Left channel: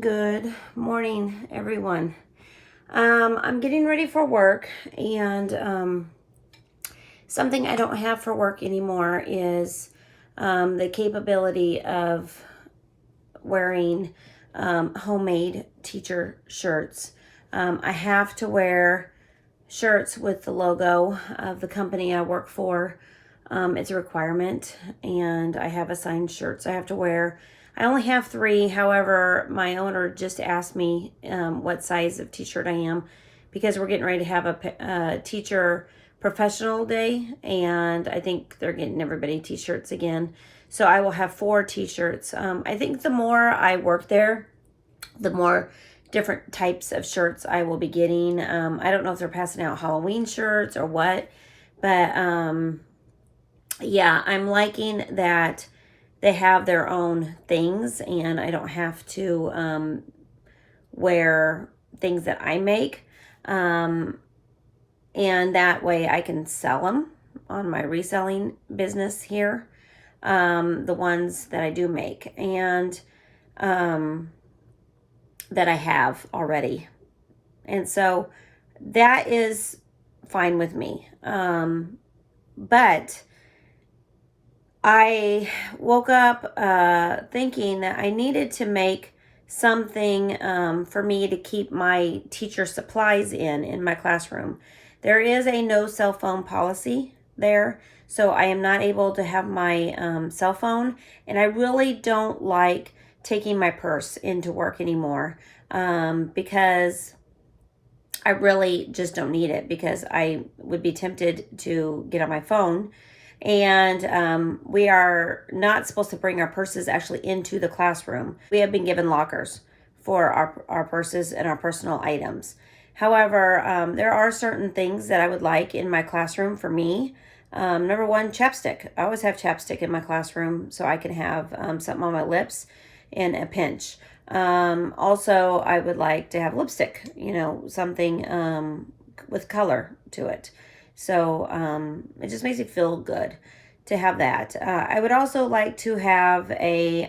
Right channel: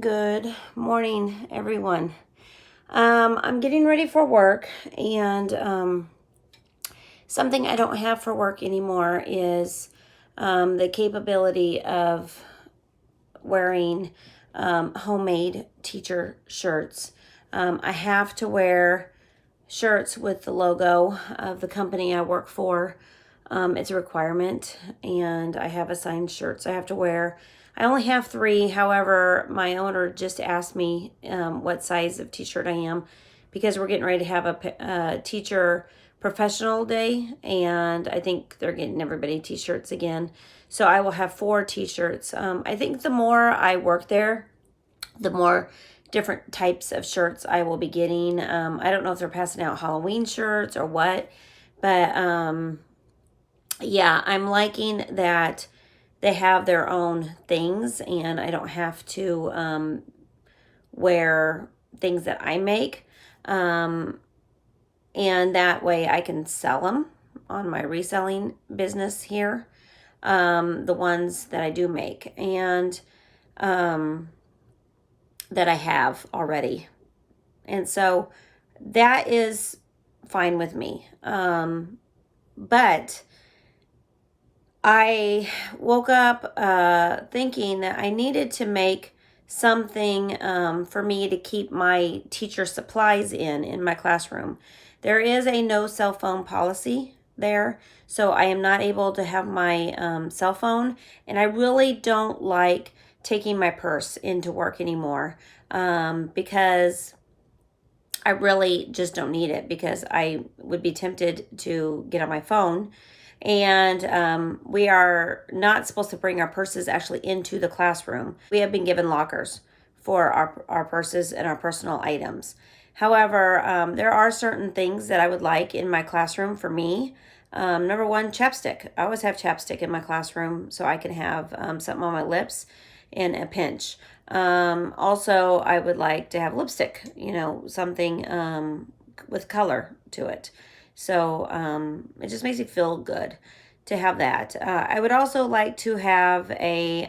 Good morning, everyone. I'm getting ready for work, and something I don't have for work anymore is the capability of wearing homemade teacher shirts. I have to wear shirts with the logo of the company I work for. It's a requirement, and I have assigned shirts I have to wear. I only have 3. However, my owner just asked me what size of t-shirt I am because we're getting ready to have a teacher professional day, and I think they're getting everybody t-shirts again. So I will have 4 t-shirts. I think the more I work there, the more different types of shirts I will be getting. I don't know if they're passing out Halloween shirts or what, but yeah, I'm liking that they have their own things and I don't have to wear things that I make. And that way I can sell them on my reselling business here, the ones that I do make and that I have already. And so that is fine with me. But I woke up thinking that I needed to make something for me to keep my teacher supplies in my classroom. There is a no cell phone policy there, so I am not able to have my cell phone, and I really don't like taking my purse into work anymore because I really just don't need it, because I would be tempted to get on my phone. And we are not supposed to bring our purses actually into the classroom. We have been given lockers for our purses and our personal items. However, there are certain things that I would like in my classroom for me. Number one, chapstick. I always have chapstick in my classroom so I can have something on my lips in a pinch. Also, I would like to have lipstick, something with color to it. So it just makes me feel good to have that. I would also like to have a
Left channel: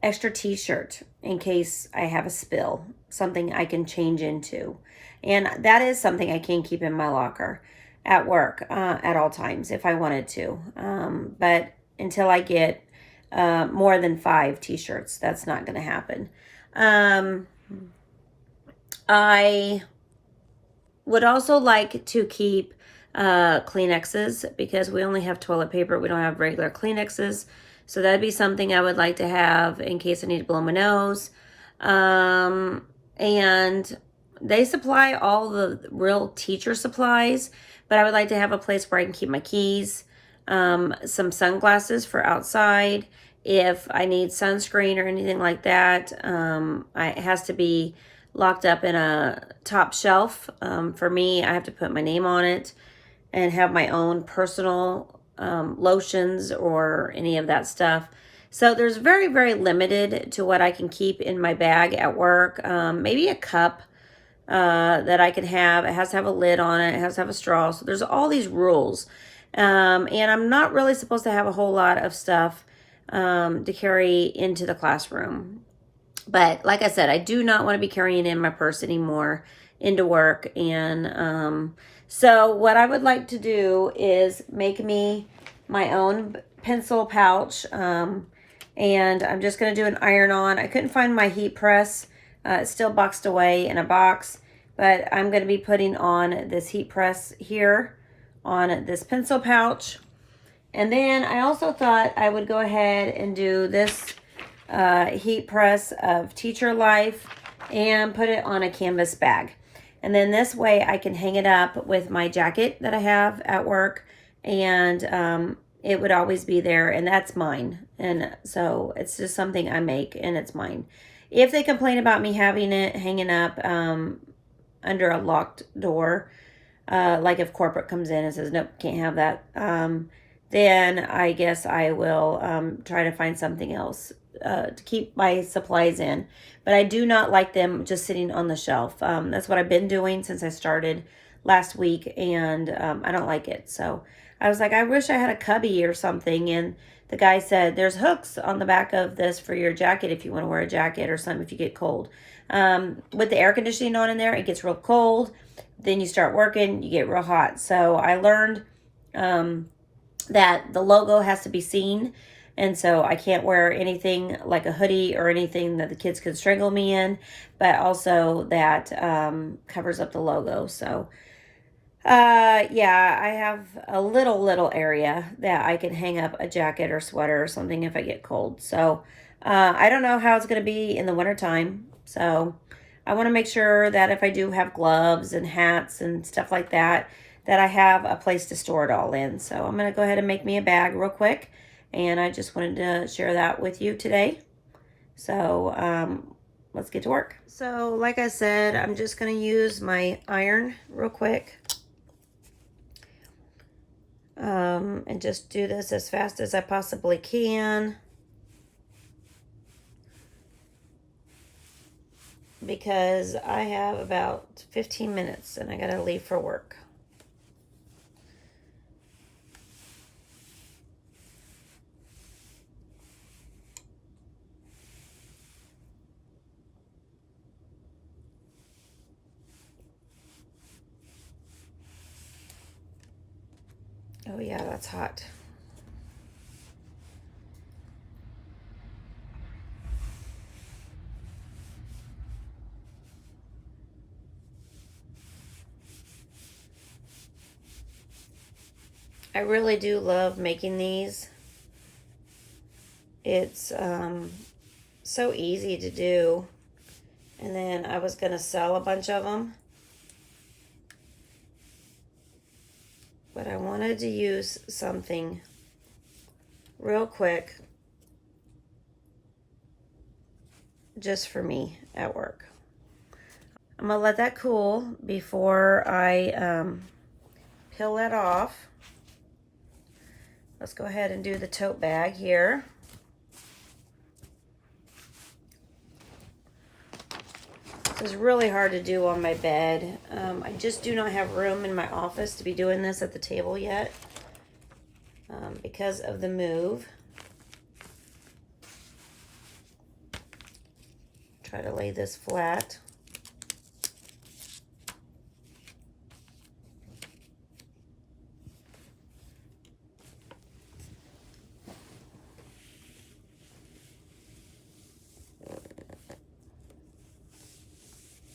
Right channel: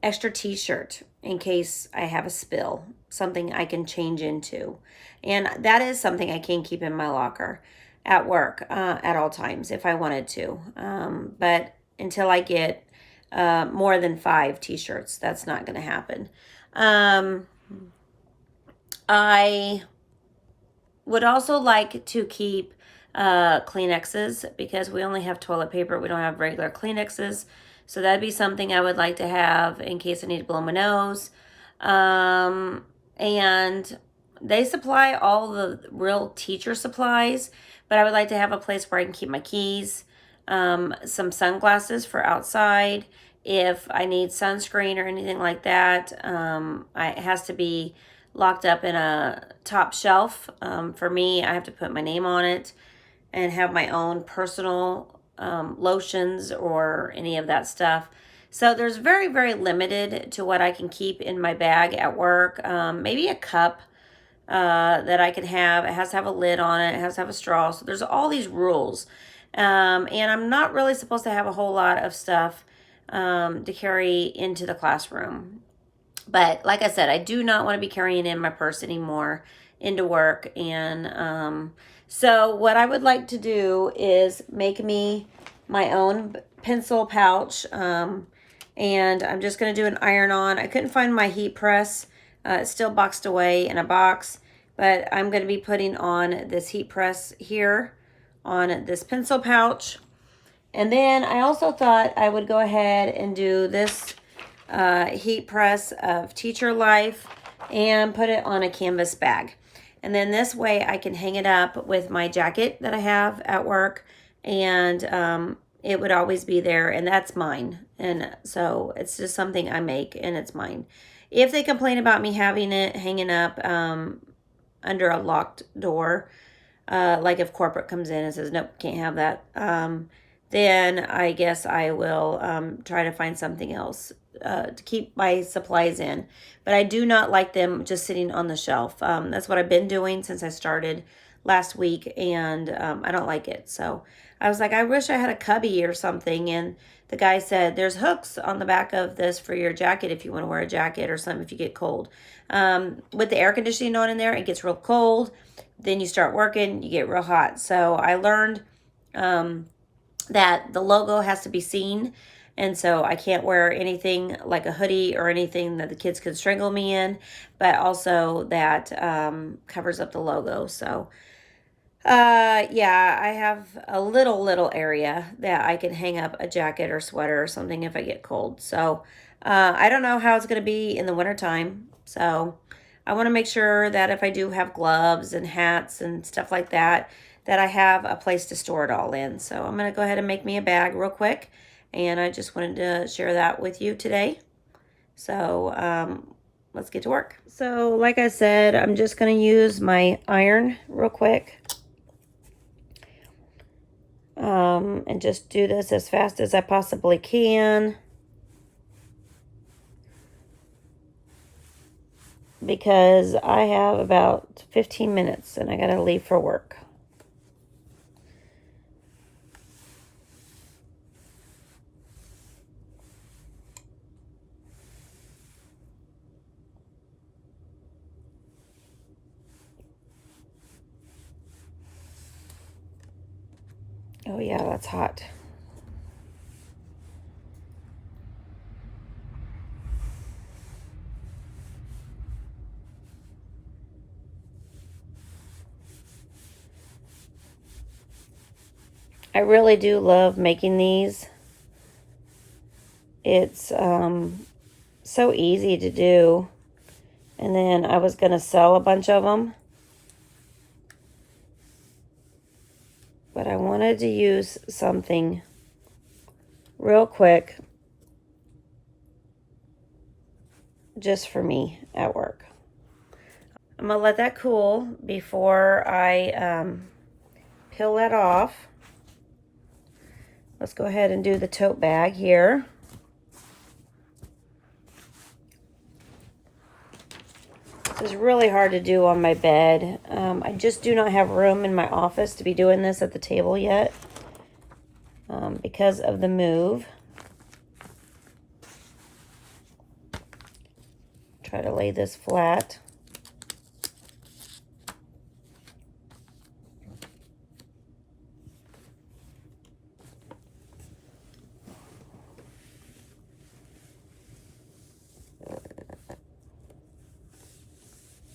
extra t-shirt in case I have a spill, something I can change into. And that is something I can keep in my locker at work at all times if I wanted to. But until I get more than 5 t-shirts, that's not going to happen. I would also like to keep Kleenexes because we only have toilet paper. We don't have regular Kleenexes. So that'd be something I would like to have in case I need to blow my nose. And they supply all the real teacher supplies, but I would like to have a place where I can keep my keys, some sunglasses for outside. If I need sunscreen or anything like that, it has to be locked up in a top shelf. For me, I have to put my name on it and have my own personal lotions or any of that stuff. So there's very, very limited to what I can keep in my bag at work. Maybe a cup that I can have. It has to have a lid on it. It has to have a straw. So there's all these rules. And I'm not really supposed to have a whole lot of stuff to carry into the classroom. But like I said, I do not want to be carrying in my purse anymore into work. And so what I would like to do is make me my own pencil pouch. And I'm just going to do an iron-on. I couldn't find my heat press. It's still boxed away in a box. But I'm going to be putting on this heat press here on this pencil pouch. And then I also thought I would go ahead and do this heat press of Teacher Life and put it on a canvas bag. And then this way I can hang it up with my jacket that I have at work, and it would always be there, and that's mine. And so it's just something I make and it's mine. If they complain about me having it hanging up under a locked door, like if corporate comes in and says, nope, can't have that, then I guess I will try to find something else to keep my supplies in. But I do not like them just sitting on the shelf. That's what I've been doing since I started last week, and I don't like it. So I was like, I wish I had a cubby or something, and the guy said, there's hooks on the back of this for your jacket if you want to wear a jacket or something if you get cold. With the air conditioning on in there, it gets real cold. Then you start working, you get real hot. So I learned that the logo has to be seen. And so I can't wear anything like a hoodie or anything that the kids could strangle me in, but also that covers up the logo. So yeah, I have a little area that I can hang up a jacket or sweater or something if I get cold. So I don't know how it's going to be in the wintertime. So I want to make sure that if I do have gloves and hats and stuff like that, that I have a place to store it all in. So I'm going to go ahead and make me a bag real quick. And I just wanted to share that with you today. So let's get to work. So like I said, I'm just going to use my iron real quick. And just do this as fast as I possibly can, because I have about 15 minutes and I gotta leave for work. Oh yeah, that's hot. I really do love making these. It's so easy to do. And then I was gonna sell a bunch of them, but I wanted to use something real quick just for me at work. I'm gonna let that cool before I peel that off. Let's go ahead and do the tote bag here. This is really hard to do on my bed. I just do not have room in my office to be doing this at the table yet because of the move. Try to lay this flat.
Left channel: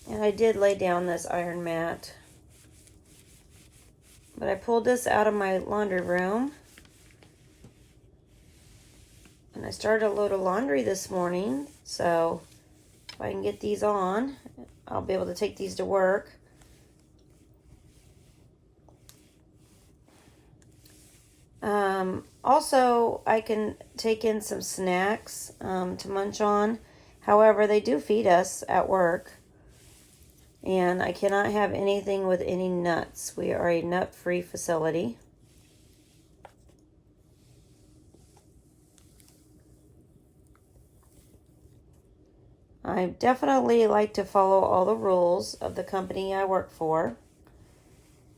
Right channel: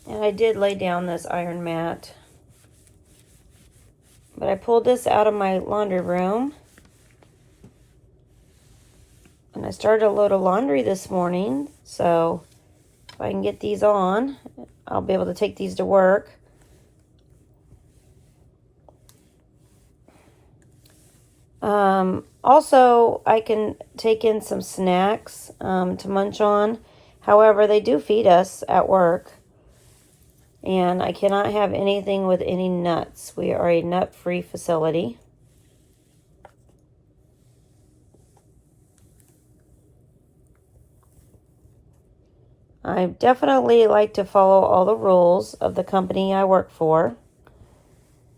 And I did lay down this iron mat. But I pulled this out of my laundry room. And I started a load of laundry this morning. So if I can get these on, I'll be able to take these to work. Also, I can take in some snacks to munch on. However, they do feed us at work. And I cannot have anything with any nuts. We are a nut-free facility. I definitely like to follow all the rules of the company I work for.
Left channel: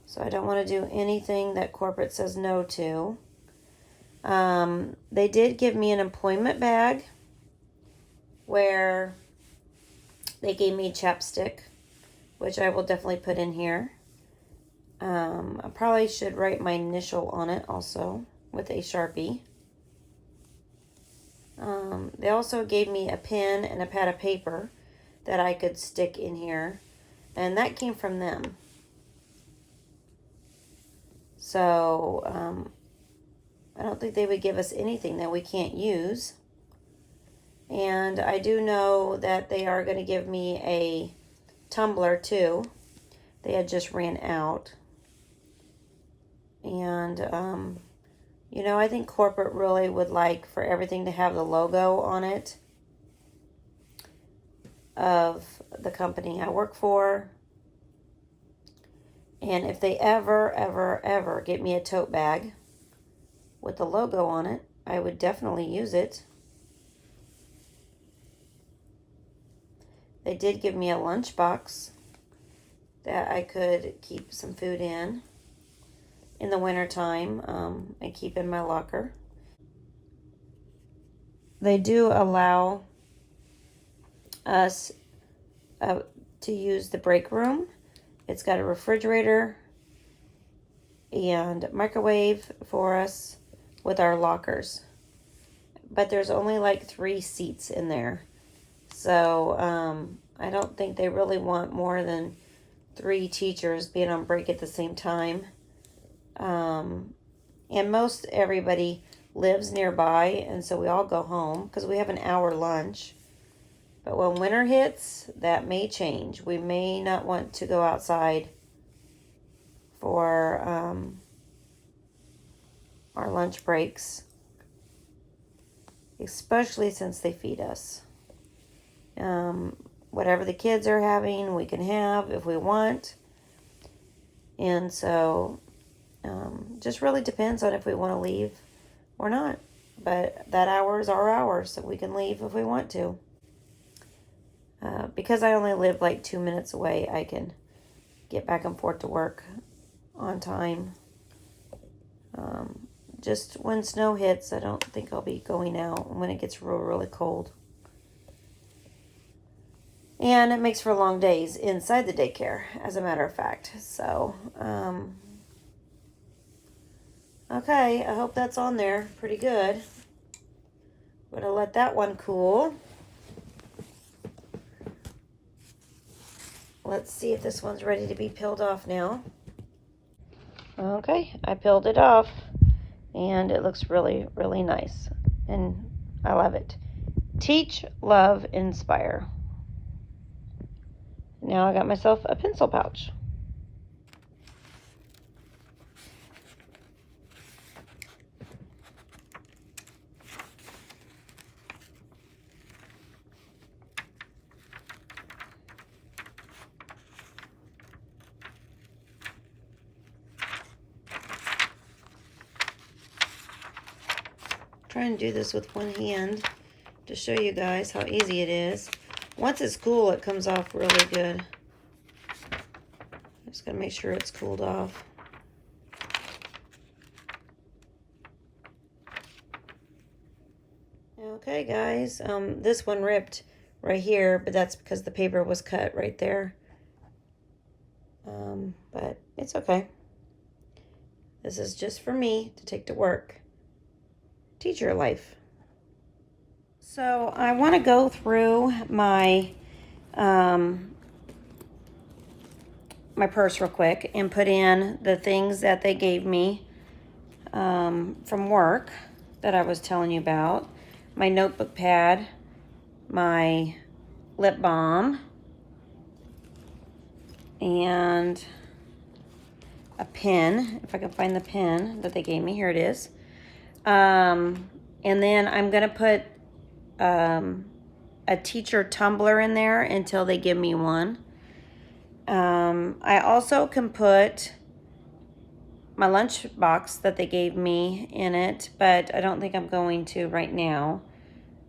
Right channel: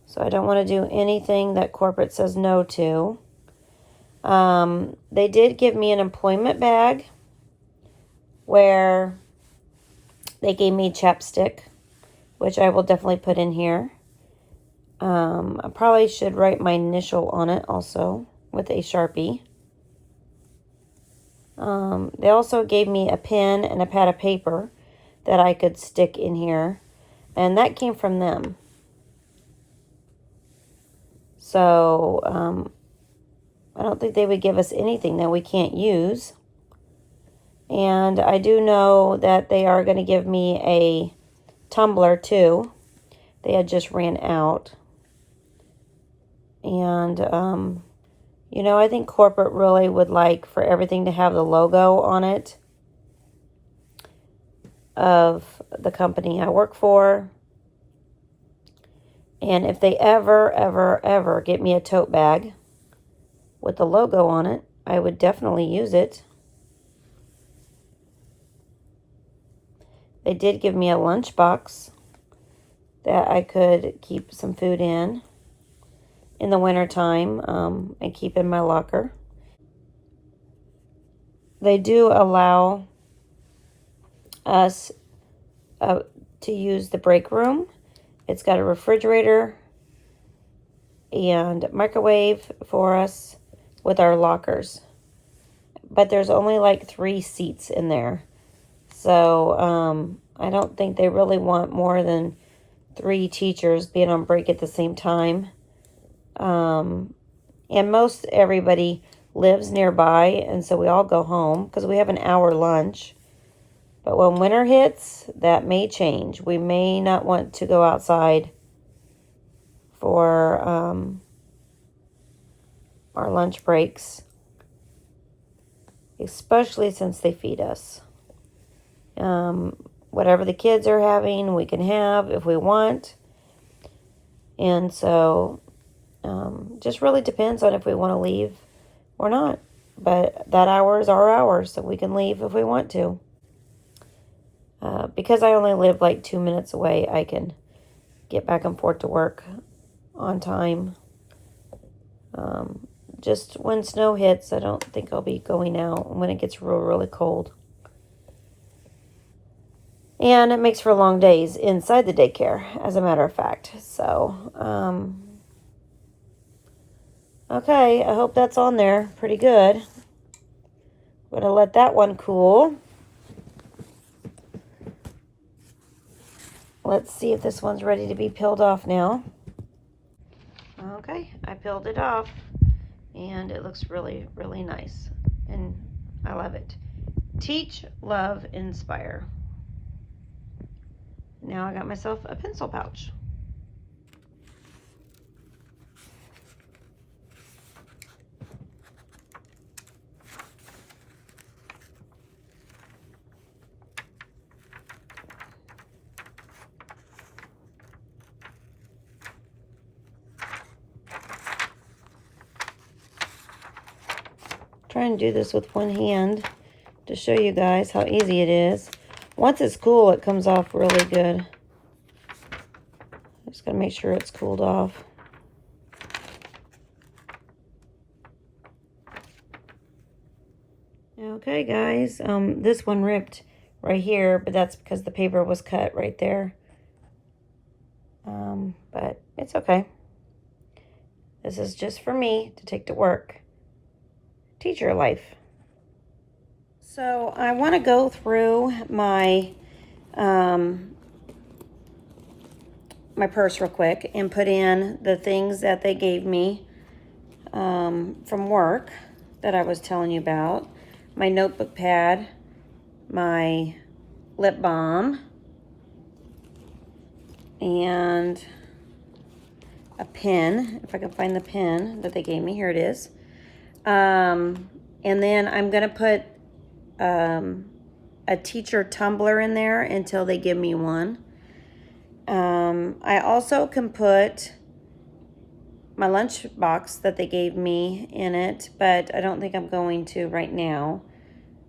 So I don't want to do anything that corporate says no to. They did give me an employment bag where they gave me chapstick, which I will definitely put in here. I probably should write my initial on it also with a Sharpie. They also gave me a pen and a pad of paper that I could stick in here, and that came from them. So, I don't think they would give us anything that we can't use. And I do know that they are going to give me a tumbler too. They had just ran out. And, you know, I think corporate really would like for everything to have the logo on it of the company I work for. And if they ever get me a tote bag with the logo on it, I would definitely use it. They did give me a lunchbox that I could keep some food in the wintertime and keep in my locker. they do allow us to use the break room. It's got a refrigerator and microwave for us with our lockers. But there's only like 3 seats in there. So I don't think they really want more than 3 teachers being on break at the same time. And most everybody lives nearby, and so we all go home because we have an hour lunch. But when winter hits, that may change. We may not want to go outside for our lunch breaks, especially since they feed us. Whatever the kids are having, we can have if we want. And so just really depends on if we want to leave or not. But that hour is our hour, so we can leave if we want to. Because I only live like 2 minutes away, I can get back and forth to work on time. Just when snow hits, I don't think I'll be going out when it gets really cold. And it makes for long days inside the daycare, as a matter of fact. So, okay, I hope that's on there pretty good. I'm going to let that one cool. Let's see if this one's ready to be peeled off now. Okay, I peeled it off, and it looks really, really nice, and I love it. Teach, love, inspire. Now I got myself a pencil pouch. Try and do this with one hand to show you guys how easy it is. Once it's cool, it comes off really good. Just gotta make sure it's cooled off. Okay, guys, this one ripped right here, but that's because the paper was cut right there. But it's okay. This is just for me to take to work. Teacher life. So I want to go through my my purse real quick and put in the things that they gave me from work that I was telling you about. My notebook pad, my lip balm, and a pen, if I can find the pen that they gave me. Here it is. And then I'm going to put a teacher tumbler in there until they give me one. I also can put my lunch box that they gave me in it, but I don't think I'm going to right now.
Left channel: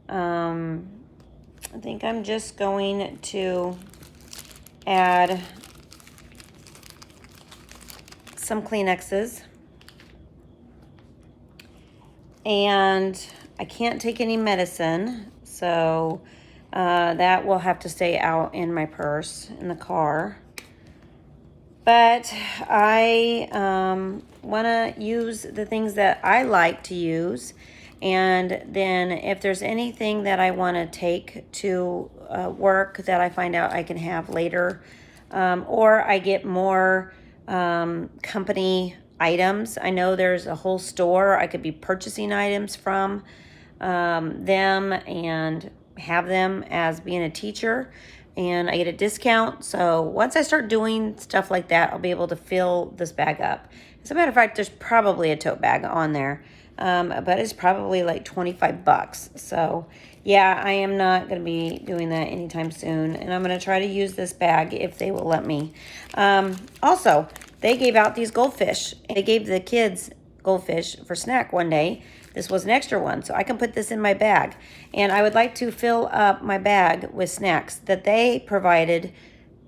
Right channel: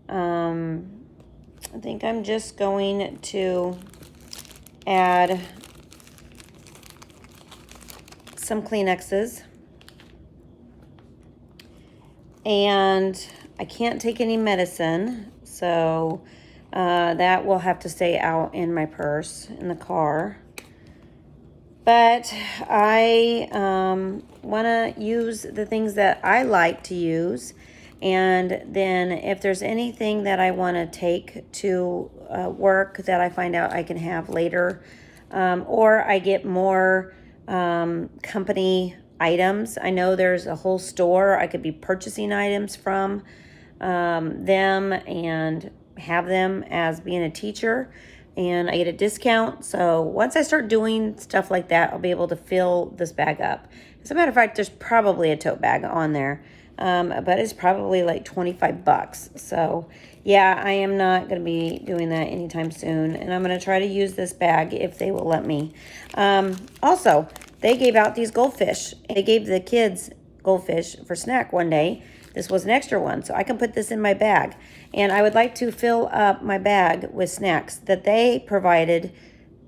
I think I'm just going to add some Kleenexes. And I can't take any medicine, so that will have to stay out in my purse in the car. But I want to use the things that I like to use. And then if there's anything that I want to take to work that I find out I can have later, or I get more company items. I know there's a whole store I could be purchasing items from them and have them as being a teacher, and I get a discount. So once I start doing stuff like that, I'll be able to fill this bag up. As a matter of fact, there's probably a tote bag on there, but it's probably like 25 bucks. So yeah, I am not going to be doing that anytime soon, and I'm going to try to use this bag if they will let me. Also, they gave out these goldfish. They gave the kids goldfish for snack one day. This was an extra one, so I can put this in my bag. And I would like to fill up my bag with snacks that they provided,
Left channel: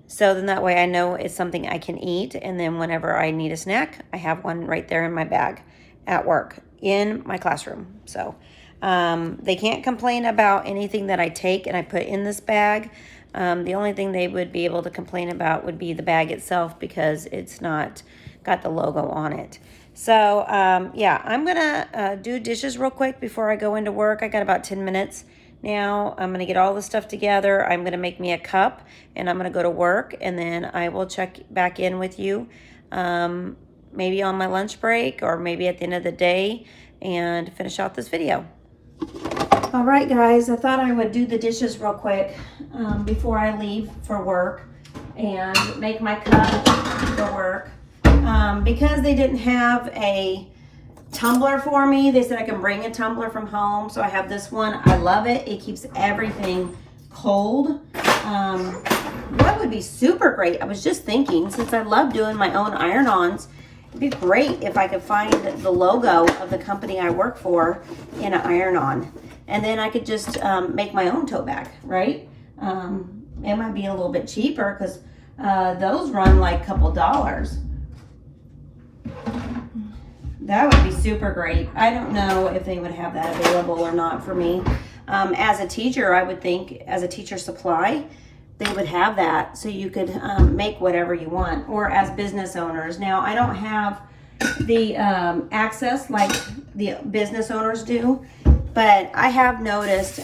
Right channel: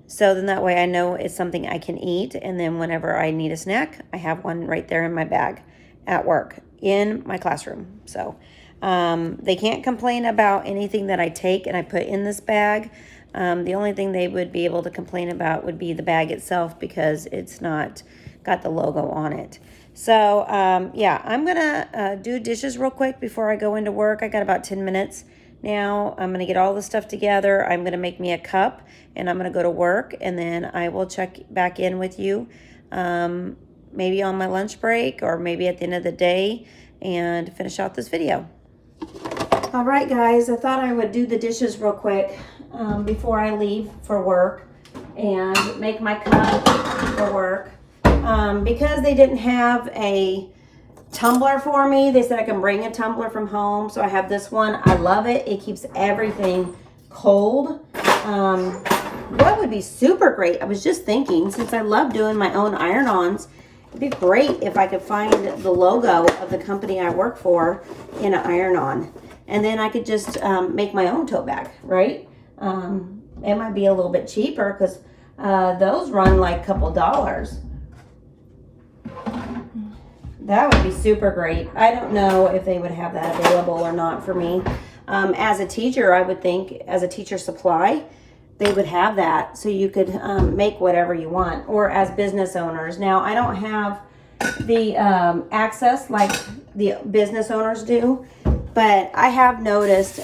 so then that way I know it's something I can eat. And then whenever I need a snack, I have one right there in my bag at work, in my classroom. So They can't complain about anything that I take and I put in this bag. The only thing they would be able to complain about would be the bag itself because it's not got the logo on it. So, yeah, I'm going to do dishes real quick before I go into work. I got about 10 minutes now. I'm going to get all the stuff together. I'm going to make me a cup, and I'm going to go to work, and then I will check back in with you maybe on my lunch break or maybe at the end of the day and finish out this video. All right, guys, I thought I would do the dishes real quick before I leave for work and make my cup for work. Because they didn't have a tumbler for me, they said I can bring a tumbler from home. So I have this one. I love it. It keeps everything cold. That would be super great. I was just thinking, since I love doing my own iron-ons, it'd be great if I could find the logo of the company I work for in an iron-on. And then I could just make my own tote bag, right? It might be a little bit cheaper because those run like a couple dollars. That would be super great. I don't know if they would have that available or not for me. As a teacher, I would think, as a teacher supply, they would have that so you could make whatever you want, or as business owners. Now, I don't have the access like the business owners do, but I have noticed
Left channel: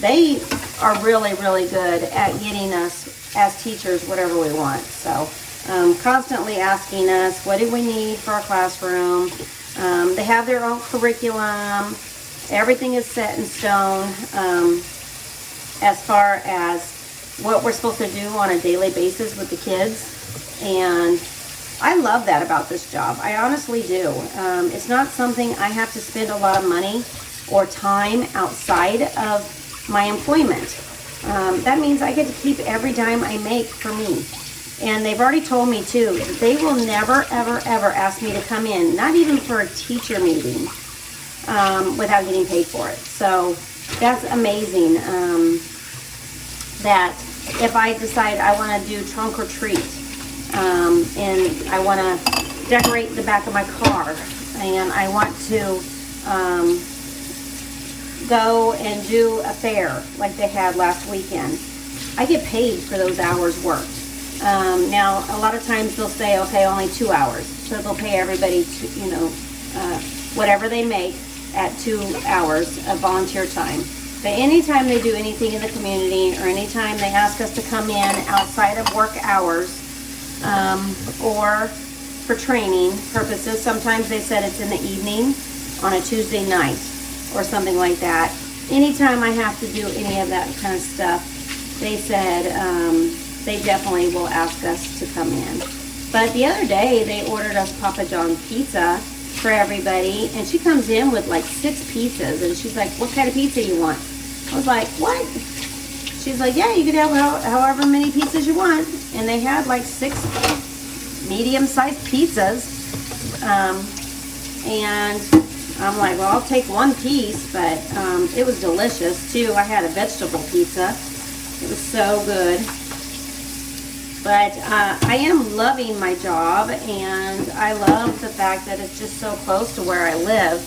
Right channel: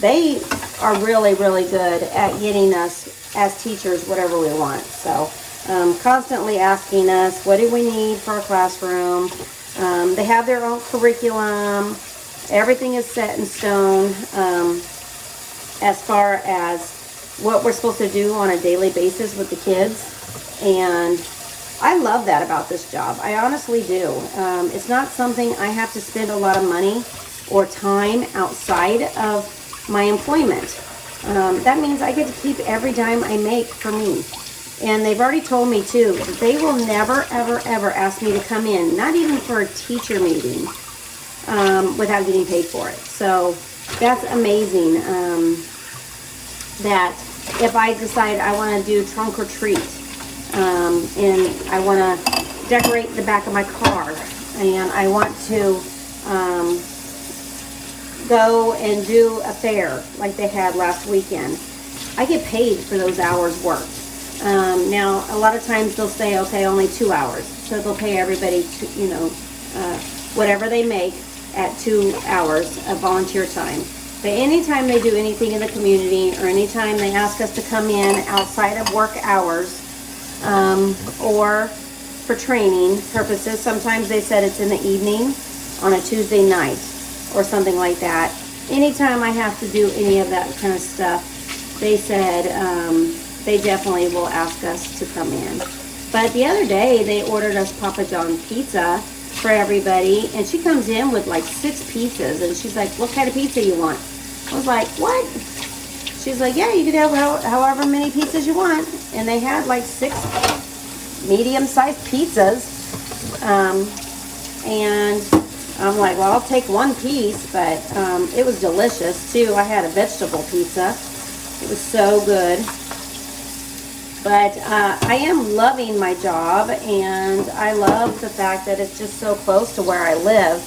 they are really, really good at getting us as teachers whatever we want. So constantly asking us, what do we need for our classroom? They have their own curriculum. Everything is set in stone as far as what we're supposed to do on a daily basis with the kids. And I love that about this job. I honestly do. It's not something I have to spend a lot of money or time outside of my employment. That means I get to keep every dime I make for me. And they've already told me too that they will never, ever, ever ask me to come in, not even for a teacher meeting, without getting paid for it. So that's amazing. That if I decide I want to do trunk or treat, and I want to decorate the back of my car, and I want to go and do a fair like they had last weekend, I get paid for those hours worked. Now, a lot of times they'll say, okay, only 2 hours. So they'll pay everybody, whatever they make at 2 hours of volunteer time. But anytime they do anything in the community, or anytime they ask us to come in outside of work hours, or for training purposes, sometimes they said it's in the evening on a Tuesday night or something like that. Anytime I have to do any of that kind of stuff, they said they definitely will ask us to come in. But the other day, they ordered us Papa John's pizza for everybody, and she comes in with like 6 pizzas, and she's like, what kind of pizza you want? I was like, what? She's like, yeah, you can have however many pizzas you want. And they had like 6 medium-sized pizzas. And I'm like, well, I'll take 1 piece, but it was delicious too. I had a vegetable pizza. It was so good. But I am loving my job, and I love the fact that it's just so close to where I live.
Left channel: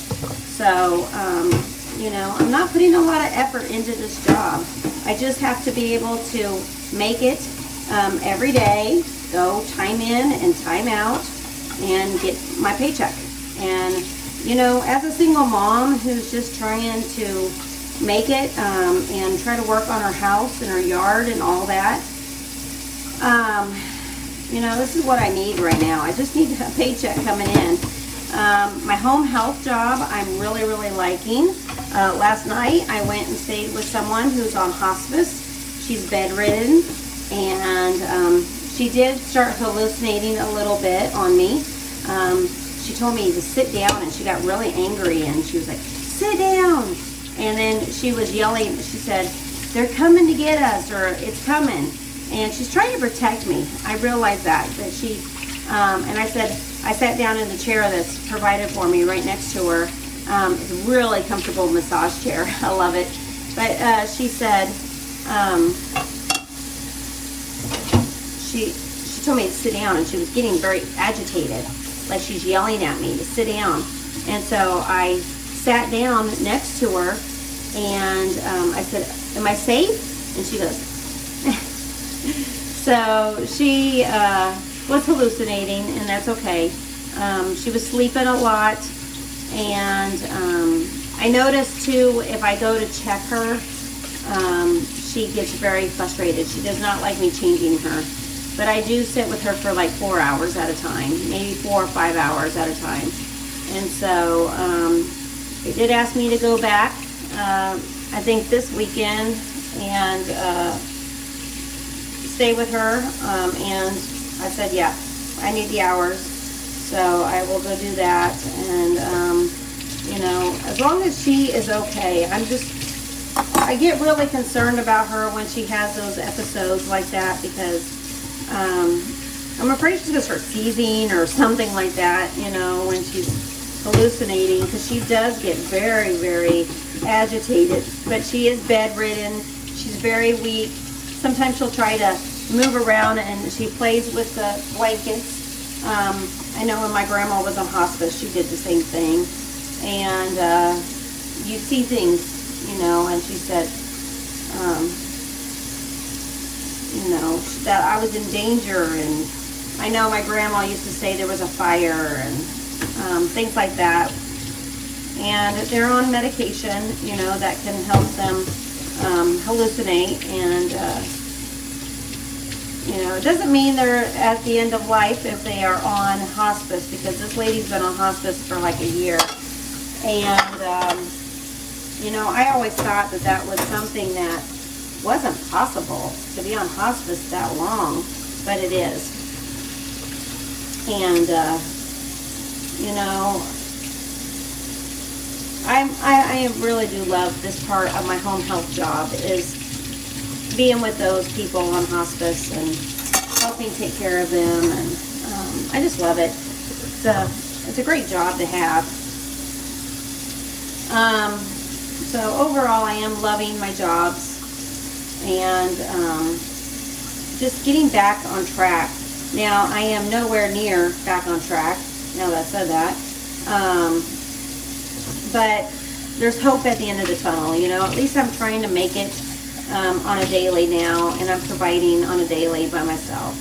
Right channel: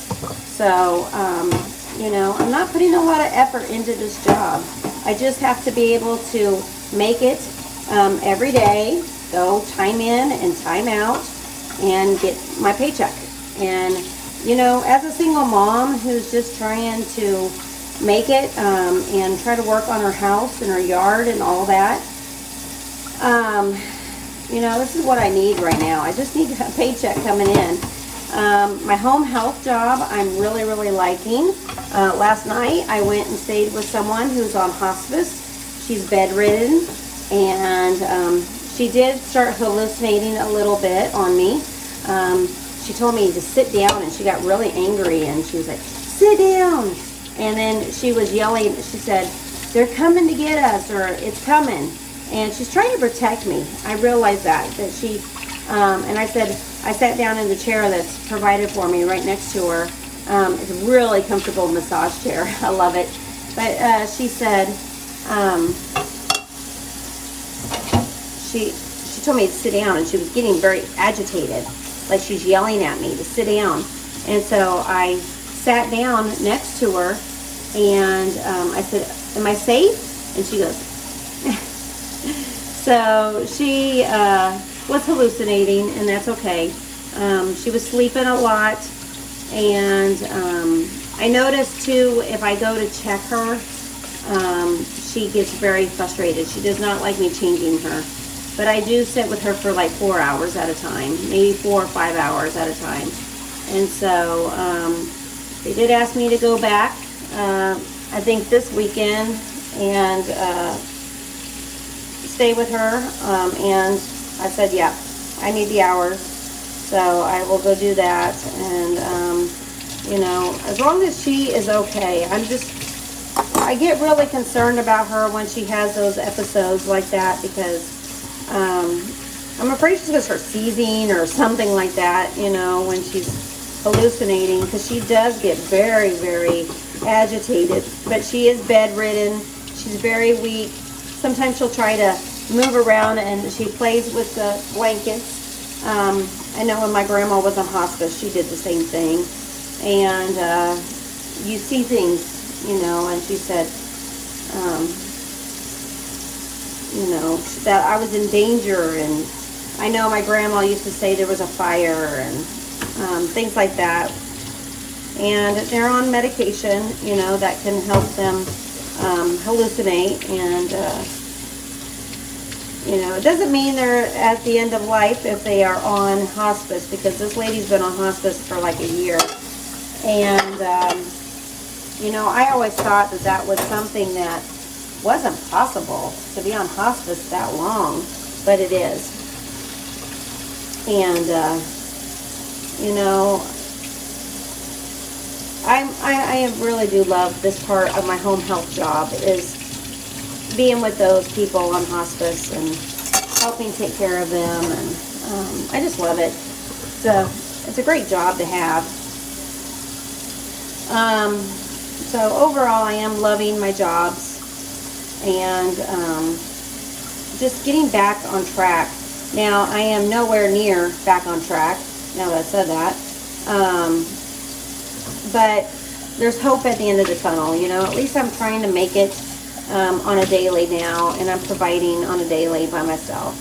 So, I'm not putting a lot of effort into this job. I just have to be able to make it every day, go time in and time out, and get my paycheck. And, as a single mom who's just trying to make it and try to work on her house and her yard and all that, this is what I need right now. I just need a paycheck coming in. My home health job, I'm really, really liking. Last night, I went and stayed with someone who's on hospice. She's bedridden, and she did start hallucinating a little bit on me. She told me to sit down, and she got really angry, and she was like, sit down. And then she was yelling. She said, they're coming to get us, or it's coming. And she's trying to protect me. I realized that she, and I said, I sat down in the chair that's provided for me right next to her. It's a really comfortable massage chair. I love it. But she said, she told me to sit down, and she was getting very agitated, like she's yelling at me to sit down. And so I sat down next to her, and I said, "Am I safe?" And she goes, so she was hallucinating, and that's okay. She was sleeping a lot, and I noticed too, if I go to check her, she gets very frustrated. She does not like me changing her. But I do sit with her for like 4 hours at a time, maybe 4 or 5 hours at a time. And so they did ask me to go back, I think this weekend, and stay with her. And I said, yeah, I need the hours. So I will go do that. And, you know, as long as she is okay, I get really concerned about her when she has those episodes like that, because I'm afraid she's going to start seizing or something like that, you know, when she's hallucinating, because she does get very, very agitated. But she is bedridden. She's very weak. Sometimes she'll try to move around, and she plays with the blankets. I know when my grandma was on hospice, she did the same thing. And you see things, you know, and she said, you know, that I was in danger, and I know my grandma used to say there was a fire, and things like that. And they're on medication, you know, that can help them hallucinate. And you know, it doesn't mean they're at the end of life if they are on hospice, because this lady's been on hospice for like a year. And you know, I always thought that that was something that wasn't possible, to be on hospice that long, but it is. And you know, I really do love this part of my home health job, is being with those people on hospice and helping take care of them. And I just love it. It's a great job to have. So overall, I am loving my jobs, and just getting back on track. Now, I am nowhere near back on track, now that I said that. But there's hope at the end of the tunnel, you know. At least I'm trying to make it on a daily now, and I'm providing on a daily by myself.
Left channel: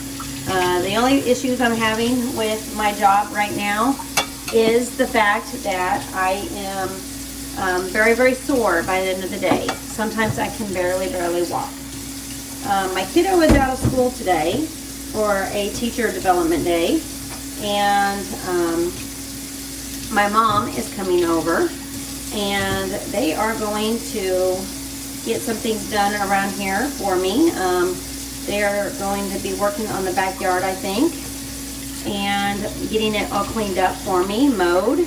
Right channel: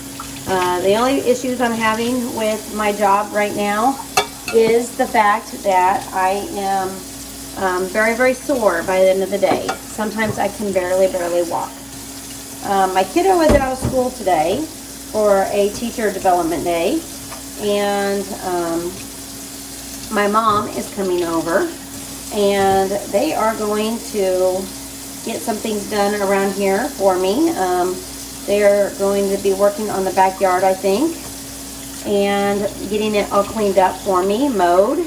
The only issues I'm having with my job right now is the fact that I am very, very sore by the end of the day. Sometimes I can barely walk. My kiddo is out of school today for a teacher development day, and my mom is coming over, and they are going to get some things done around here for me. They are going to be working on the backyard, I think, and getting it all cleaned up for me, mowed.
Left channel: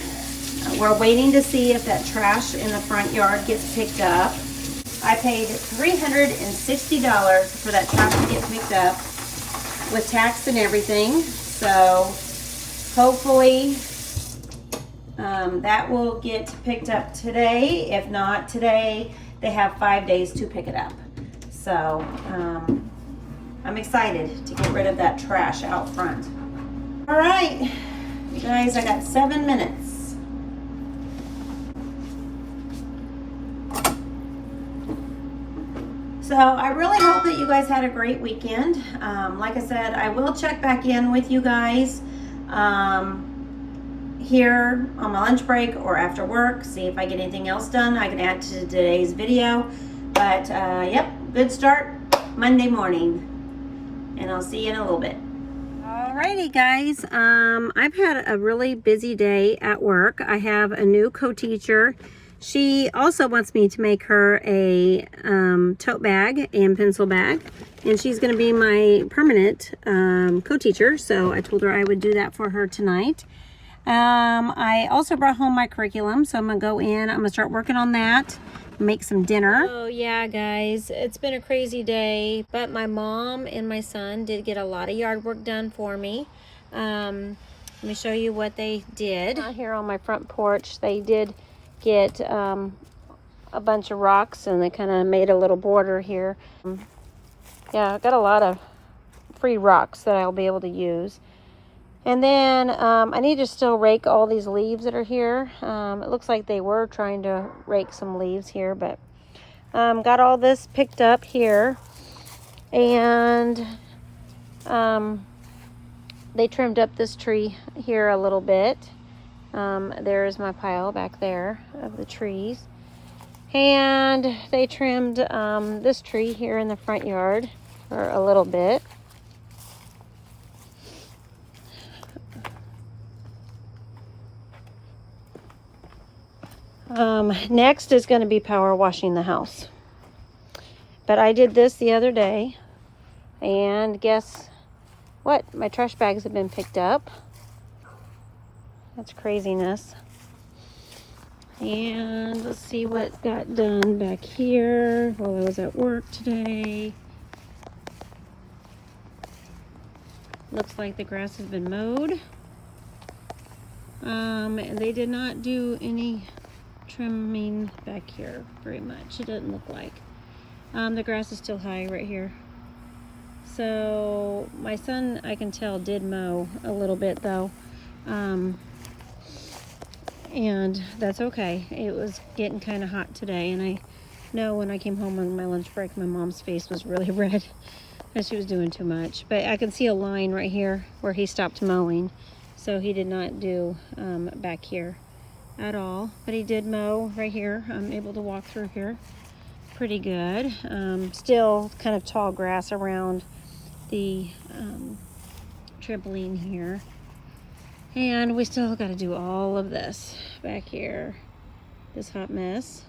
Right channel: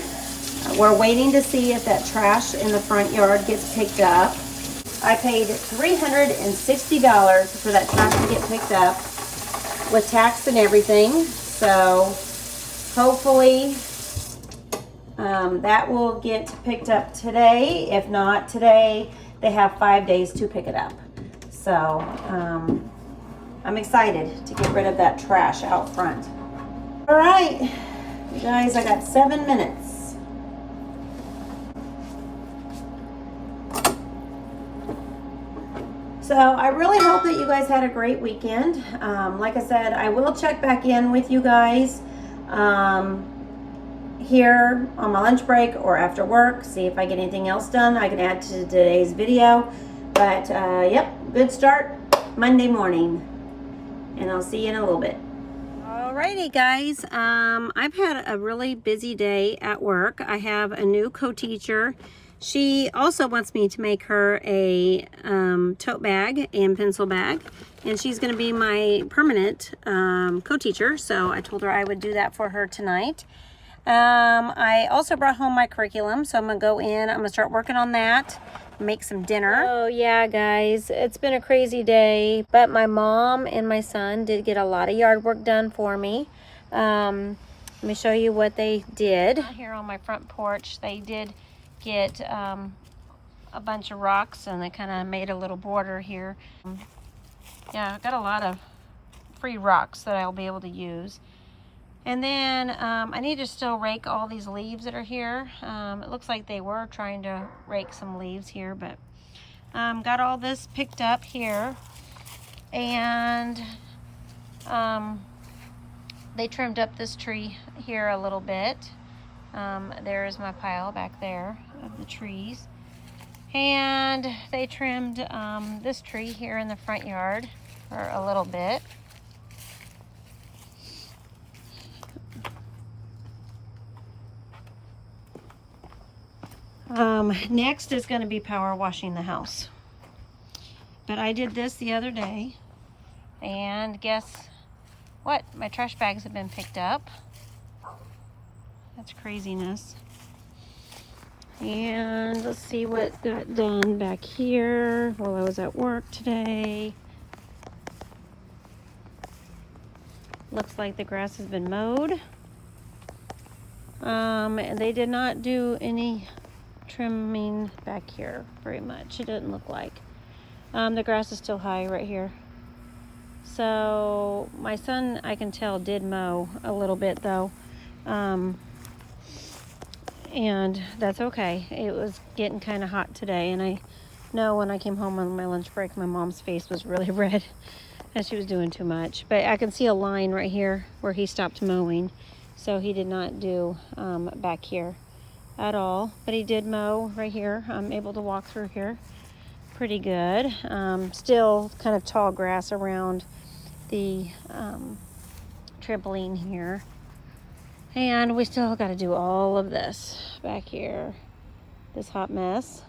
We're waiting to see if that trash in the front yard gets picked up. I paid $360 for that trash to get picked up with tax and everything. So hopefully that will get picked up today. If not today, they have 5 days to pick it up. So I'm excited to get rid of that trash out front. All right, you guys, I got 7 minutes. So I really hope that you guys had a great weekend. Like I said, I will check back in with you guys here on my lunch break or after work, see if I get anything else done I can add to today's video. But yep, good start Monday morning, and I'll see you in a little bit. Alrighty guys, I've had a really busy day at work. I have a new co-teacher. She also wants me to make her a tote bag and pencil bag, and she's going to be my permanent co-teacher, so I told her I would do that for her tonight. I also brought home my curriculum, so I'm going to go in, I'm going to start working on that, make some dinner. Oh yeah guys, it's been a crazy day, but my mom and my son did get a lot of yard work done for me. Let me show you what they did. Here on my front porch, they did get a bunch of rocks, and they kind of made a little border here. Yeah, I've got a lot of free rocks that I'll be able to use. And then I need to still rake all these leaves that are here. It looks like they were trying to rake some leaves here, but got all this picked up here. And they trimmed up this tree here a little bit. There's my pile back there of the trees. And they trimmed this tree here in the front yard for a little bit. Next is going to be power washing the house. But I did this the other day, and guess what? My trash bags have been picked up. That's craziness. And let's see what got done back here while I was at work today. Looks like the grass has been mowed. And they did not do any trimming back here very much. It doesn't look like. The grass is still high right here. So my son, I can tell, did mow a little bit though. And that's okay. It was getting kind of hot today, and I know when I came home on my lunch break, my mom's face was really red and she was doing too much. But I can see a line right here where he stopped mowing, so he did not do back here at all, but he did mow right here. I'm able to walk through here pretty good. Still kind of tall grass around the trampoline here. And we still got to do all of this back here, this hot mess.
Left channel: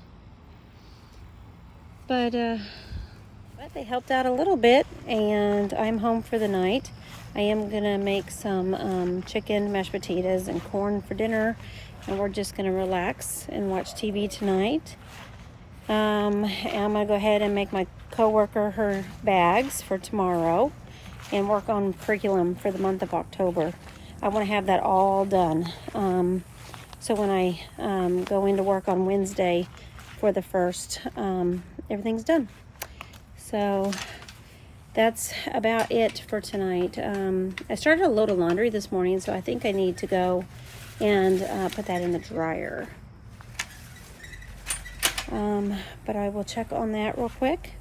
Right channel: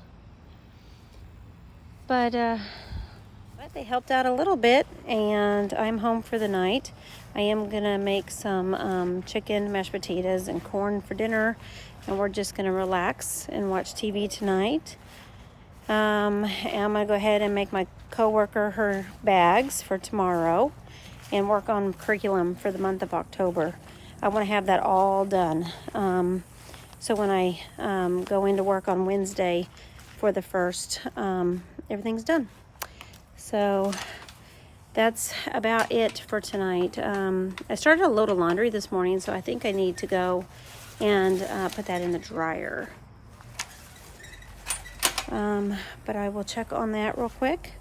But they helped out a little bit, and I'm home for the night. I am gonna make some chicken, mashed potatoes, and corn for dinner, and we're just gonna relax and watch TV tonight. I'm gonna go ahead and make my coworker her bags for tomorrow, and work on curriculum for the month of October. I want to have that all done. So when I go into work on Wednesday for the 1st, everything's done. So that's about it for tonight. I started a load of laundry this morning, so I think I need to go and put that in the dryer. But I will check on that real quick.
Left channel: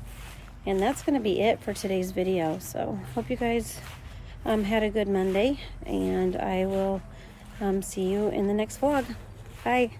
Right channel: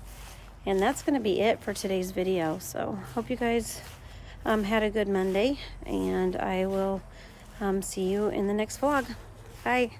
And that's going to be it for today's video. So hope you guys had a good Monday, and I will see you in the next vlog. Bye.